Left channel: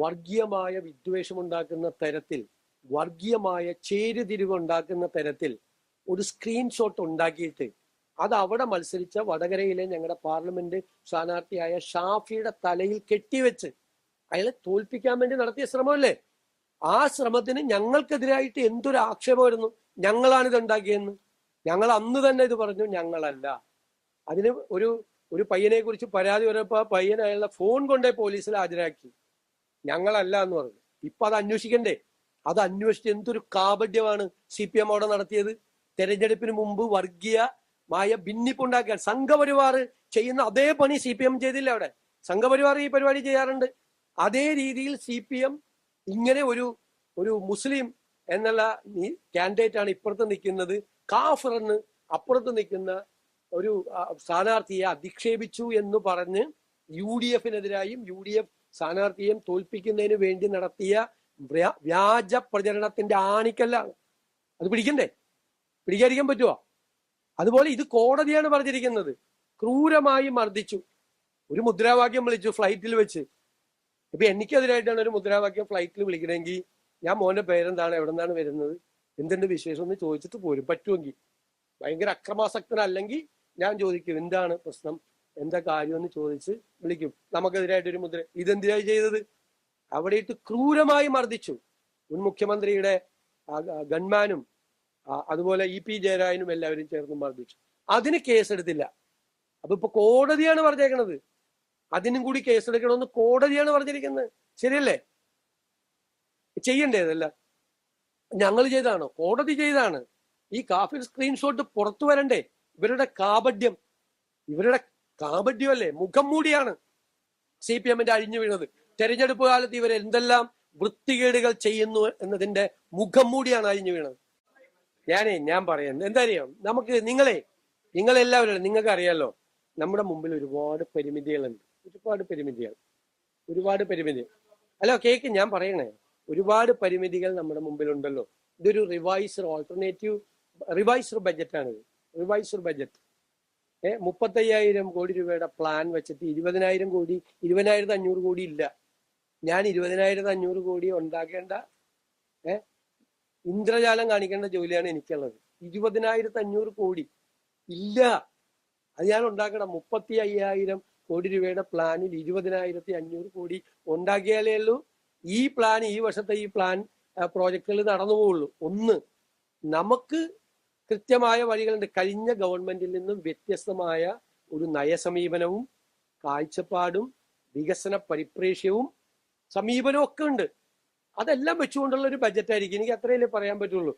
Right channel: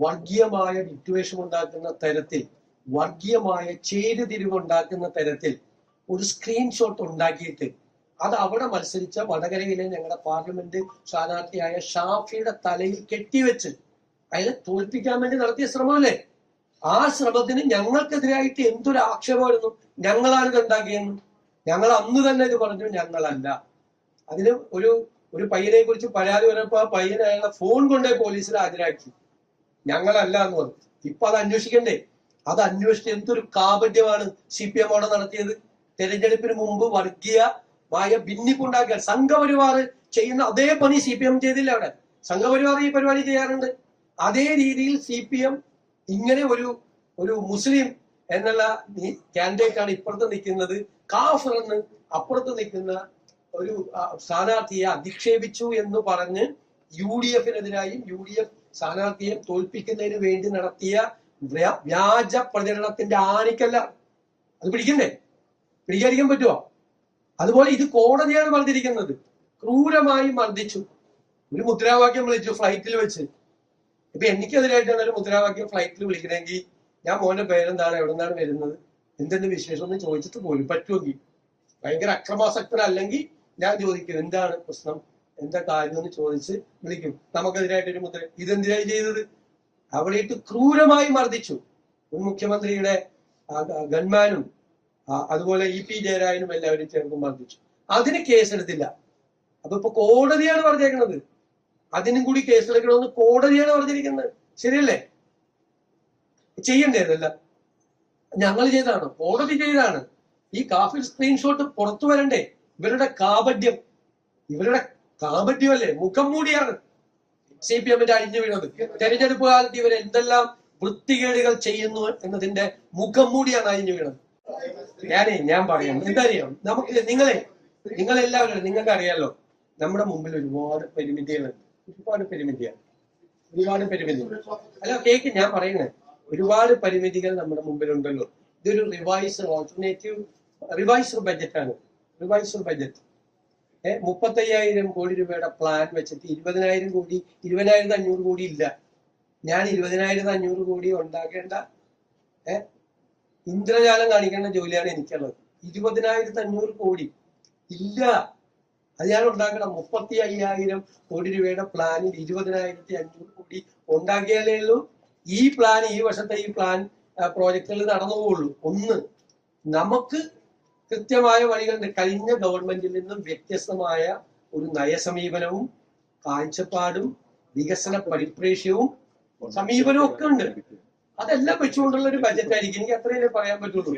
വർഗീയമായ വിദ്വേഷം ഉണ്ടാക്കുന്ന തരത്തിൽ, വർഗീയമായ ചേരുതിരിവ് ഉണ്ടാക്കുന്ന തരത്തിൽ ഒരു സ്ക്രീൻഷോട്ട് ഉണ്ടാക്കിയിട്ട് അത് അവിടെ മത്സരിച്ച വടകരയിലെ ഞങ്ങളുടെ പാർലമെന്റ് സ്ഥാനാർത്ഥിയായ ഷാഫിയുടെ തലയിൽ കെട്ടിവെച്ച് അയാളെ തോൽപ്പിക്കാൻ വേണ്ടി നടത്തിയ ശ്രമമല്ലേ? ആ ശ്രമത്തിന് ഞങ്ങൾക്കെതിരായിട്ട് എന്തൊരു ആക്ഷേപമായിരുന്നു. ഞങ്ങളാണ് ഇത് ഉണ്ടാക്കിയെന്ന്. ഞങ്ങൾ അന്ന് തന്നെ ഇത് പറഞ്ഞു, ഞങ്ങളല്ല. അതിന് ഒരു പയ്യനെ കുറിച്ച് പരാതി വരപ്പോ ആ പയ്യൻ അയാളുടെ ഫോൺ കൊണ്ടേ പോലീസിൽ ഹാജരാക്കി. ഞങ്ങളല്ല എന്ന് പറഞ്ഞു. ഇപ്പൊ അത് അന്വേഷിക്കണ്ടേ? അത് അന്വേഷിച്ച് എന്തൊരു കാപട്യമാണ് CPM അവിടെ നടത്തിയത്. തെരഞ്ഞെടുപ്പിന് മുമ്പ് വർഗീയമായ ഭിന്നിപ്പുണ്ടാക്കുക, സംഘപരിവാർ ചെയ്യുന്ന അതേ പണി CPM ചെയ്തില്ല. അവിടെ സംഘപരിവാർ ഈ പരിപാടി ചെയ്യാറുണ്ട്. അതേ രീതിയിൽ CPM ഇങ്ങനെ ഒരു മുസ്ലിം എന്നുള്ള കാൻഡിഡേറ്റ് ആണ് ഇപ്പുറത്ത് നിൽക്കുന്നത്, കാഫർ എന്ന് അപ്പുറത്ത് നിൽക്കുന്ന ഒരു സ്ഥാനാർത്ഥിയെ അധിക്ഷേപിച്ചു എന്ന് പറഞ്ഞ് UDF-നെതിരായും UDF സ്ഥാനാർത്ഥിയെ തോൽപ്പിക്കുന്നതിന് വേണ്ടി നടത്തിയ വ്യാജ പ്രചരണത്തിന്റെ ആണിക്കല്ലാണ്. അത് പിടിക്കണ്ടേ? പിടിക്കാതിരിക്കാൻ പറ്റുമോ? അതുപോലെ ഇത് കോടതിയാണ് പറഞ്ഞിരിക്കുന്നത്. ക്രൂരമായി മർദ്ദിച്ചു, ഒരു മുദ്രാവാക്യം വിളിച്ചു ഫ്ലൈറ്റിൽ വെച്ച്. ഇപ്പൊ എനിക്കെതിരായിട്ടാണ് ഒരു മുദ്രാവാക്യം ഫ്ലൈറ്റിൽ വിളിക്കണമെങ്കിൽ ഞാൻ മോന്റെ പേരെന്താണ്, എവിടെ നിന്നാണ് വരുന്നത്, എന്തെന്റെ വിശേഷം എന്ന് ചോദിച്ചിട്ട് പോലും പറ്റുമെങ്കിൽ, ഭയങ്കര അക്രമാസക്തനല്ലെങ്കിൽ ഞാൻ ചോദിക്കും എന്താണ് പ്രശ്നം, എന്താ കാര്യം എന്ന് ചോദിച്ച് വിളിക്കും. നമുക്കെതിരായിട്ട് ഒരു മുദ്ര. ഇതെന്തിനായി ചെയ്തത്? അവിടെ ഇട്ട് ക്രൂരമായി മർദ്ദിച്ചു. മുൻ മുഖ്യമന്ത്രിയുടെ ഗൺമാനും അതുപോലെ EP ജയരാജനും എല്ലാവരും ചേർന്ന് മർദ്ദിച്ചു. അതിന് കേസെടുത്തില്ല. അപ്പൊ ഇപ്പൊ കോടതിയാണ് പറഞ്ഞേക്കുന്നത് അതിനും കൂടി കേസെടുക്കണമെന്ന്. കോടതിയാണ് പറഞ്ഞിരിക്കുന്നത്. ശരിയല്ലേ? ചെയ്യണ്ടേതല്ല. ഞങ്ങൾ ചെയ്തതാണ്, കോടതി ചെയ്തതാണ്. ഈ കാഫിർ സ്ക്രീൻഷോട്ട് പുറത്തു വരണ്ടേ? ഇവരുടെ കാപട്യമല്ലേ, മുഖം മൂടിയാണ് CPM-ന്റെ അഴിഞ്ഞു വീണത്. തെരഞ്ഞെടുപ്പ് കാലത്ത് ഇവർ എന്തെല്ലാം വൃത്തികേടുകൾ ചെയ്യുന്നു എന്നതിന്റെ മുഖം മൂടിയാണ് അഴിഞ്ഞു വീണത്. ഞാൻ പറയാം, എന്തറിയാം, നമുക്ക് നിങ്ങളെല്ലാവരും നിങ്ങൾക്ക് അറിയാലോ, നമ്മുടെ മുമ്പിൽ ഒരുപാട് പരിമിതികളുണ്ട്. ഒരുപാട് പരിമിതി. അല്ല കേക്ക്, ഞാൻ പറയുന്നത് ഒരുപാട് പരിമിതികൾ നമ്മുടെ മുമ്പിലുണ്ടല്ലോ. ഇതൊരു റിവൈസ്ഡ് ബഡ്ജറ്റാണ്. റിവൈസ്ഡ് ബഡ്ജറ്റ് 35,000 കോടി രൂപയുടെ പ്ലാൻ വെച്ചിട്ട് 20,500 കോടി ഇല്ല. ഞാൻ 20,500 കോടി ഉണ്ടാക്കേണ്ട ഇന്ദ്രജാലം കാണിക്കേണ്ട ജോലിയാണ് എനിക്കുള്ളത്. 20,500 കോടി ഇല്ല, അത് ഞാൻ ഉണ്ടാക്കണം. 35,000 കോടി രൂപയുടെ പ്ലാനിൽ 20,500 കോടി ഉണ്ടാക്കിയാലേ ഉള്ളൂ ഈ പ്ലാൻ, ഈ വർഷത്തെ ഈ പ്ലാൻ പ്രോജക്റ്റുകൾ നടന്നുപോകുള്ളൂ. ഒന്ന്, നമുക്ക് കൃത്യമായ വഴികളുണ്ട്. കഴിഞ്ഞ ഗവൺമെന്റിൽ നിന്നും വ്യത്യസ്തമായ ഒരു നയസമീപനവും കാഴ്ചപ്പാടും വികസന പരിപ്രേക്ഷ്യവും സമീപനവും ഒക്കെ ഉണ്ട്. അതെല്ലാം വെച്ചുകൊണ്ടുള്ള ഒരു ബഡ്ജറ്റ് ആയിരിക്കും. എനിക്ക് അത്രയല്ലേ പറയാൻ പറ്റുള്ളൂ.